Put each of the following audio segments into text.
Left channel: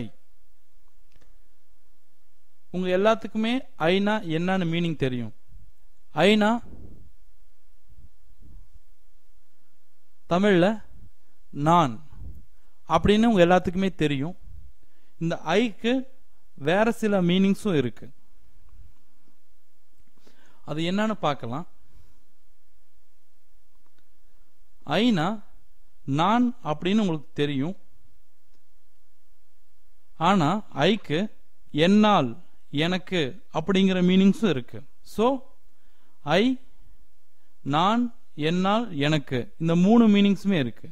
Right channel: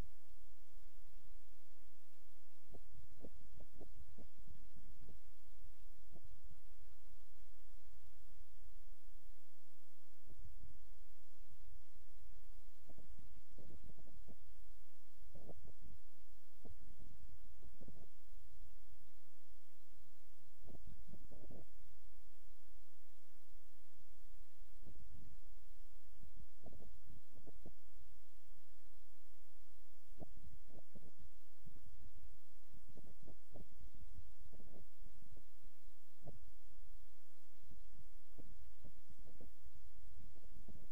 ஐ. உங்க எல்லாத்துக்குமே ஐனா என்னன்னு மீனிங் தெரியும். ஐனா தமிழ்ல நான் அப்படின்னு உங்க எல்லாத்துக்குமே தெரியும். இந்த ஐக்கு வேற சில மீனிங்ஸும் இருக்கு. அது என்னன்னு பார்க்கலாம். ஐனா நான் அப்படின்னு உங்களுக்கு தெரியும். ஆனா ஐக்கு என்னால் எனக்கு அப்படிங்கிற மீனிங்ஸும் இருக்கு. ஸோ ஐ, நான், என்னால், எனக்கு இந்த மூணு மீனிங்ஸுமே இருக்கு.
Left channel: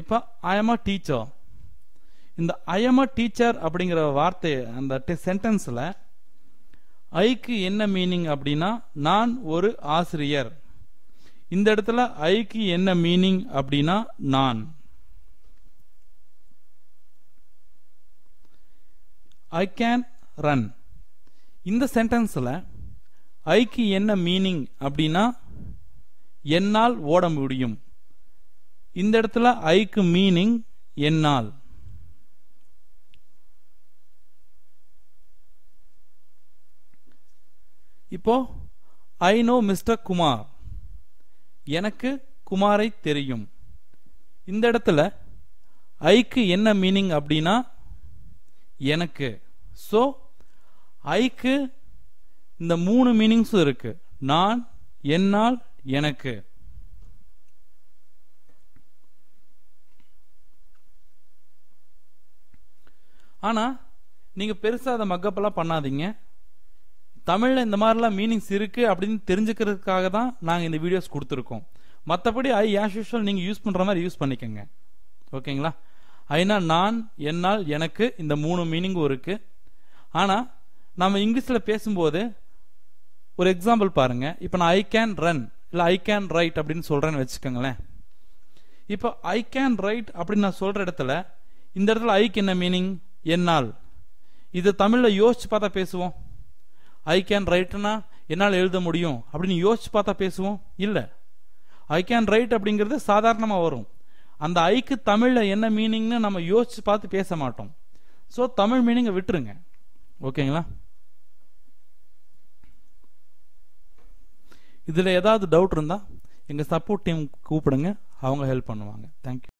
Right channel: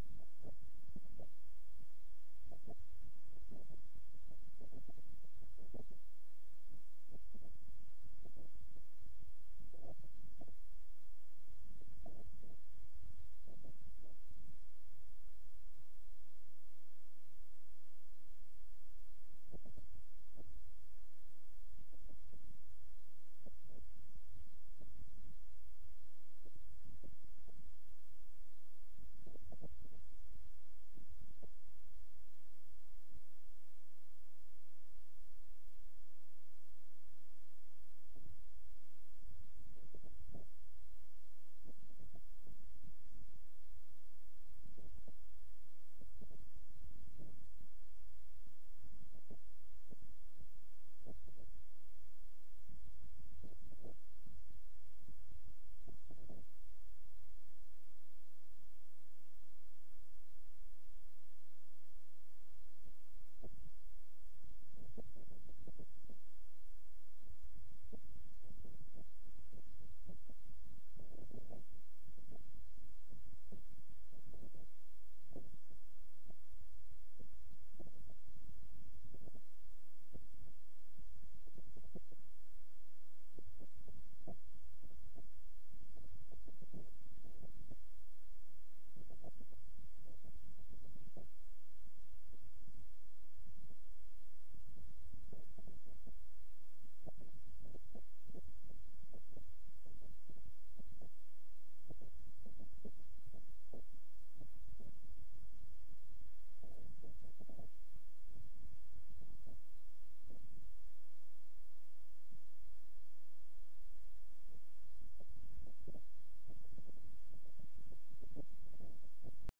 இப்ப ஐ எம் அ டீச்சர். இந்த ஐ எம் அ டீச்சர் அப்படிங்கிற வார்த்தை அந்த சென்டென்ஸ்ல ஐக்கு என்ன மீனிங் அப்படின்னா நான் ஒரு ஆசிரியர். இந்த இடத்துல ஐக்கு என்ன மீனிங் அப்படின்னா நான். I can run. இந்த சென்டென்ஸ்ல ஐக்கு என்ன மீனிங் அப்படின்னா என்னால் ஓட முடியும். இந்த இடத்துல ஐக்கு மீனிங் என்னால். இப்போ ஐ நோ மிஸ்டர் குமார். எனக்கு குமாரை தெரியும். இந்த இடத்துல ஐக்கு என்ன மீனிங் அப்படின்னா எனக்கு. ஸோ ஐக்கு இந்த மூணு மீனிங்ஸும் இருக்கு. நான், என்னால், எனக்கு. ஆனா நீங்க பெருசா அதை மக்கப்பெல்லாம் பண்ணாதீங்க. தமிழ்ல இந்த மாதிரிலாம் மீனிங்ஸ் இருக்கு அப்படின்னு தெரிஞ்சுக்கிறதுக்காக தான் நாங்கள் இந்த வீடியோஸ் கொடுத்துருக்கோம். மற்றபடி ஐ ஆஸ் யூஷுவல் நீங்கள் யூஸ் பண்ணுற மாதிரி யூஸ் பண்ணிக்கோங்க. ஓகேங்களா? ஐனா நான், என்னால், எனக்கு இந்த மூணு மீனிங்கும் இருக்கு. ஆனால் நம்ம இங்கிலீஷில் பேசும்போது ஒரு எக்ஸாம்பிள் பாருங்க. இப்போ நான் ஐ கேன் ரன் இல்லை ஐ கேன் ரைட் அப்படின்னு சொல்கிறேன்னு வச்சுக்கோங்களேன். இப்போ ஐ கேன் ரைட் அப்படின்னு நான் சொல்கிற இடத்துல இந்த இடத்துல ஐக்கு என்ன மீனிங்? என்னால். இது தமிழில் யோசிச்சு பார்த்தா பேசுவோம். ஐ கேன் ரைட்னா என்னால் எழுத முடியும் அப்படின்னு யோசிச்சு பார்த்தா பேசுவோம் இல்லை. ஐ கேன் ரைட் அப்படிங்கிறது சாதாரணமாக வரும். அந்த ஐக்கு தமிழில் என்ன மீனிங்னு நம்ம யோசிச்சு பார்த்து பேச மாட்டோம். ஸோ தமிழ் மீனிங்கை விட்டுருங்க. ஓகேங்களா? இதில் ஏதாவது டவுட் இருந்தால் எங்கள் சப்போர்ட் டீம் கூப்பிடுங்க, அவங்க ஹெல்ப் பண்ணுவாங்க. தேங்க்யூ.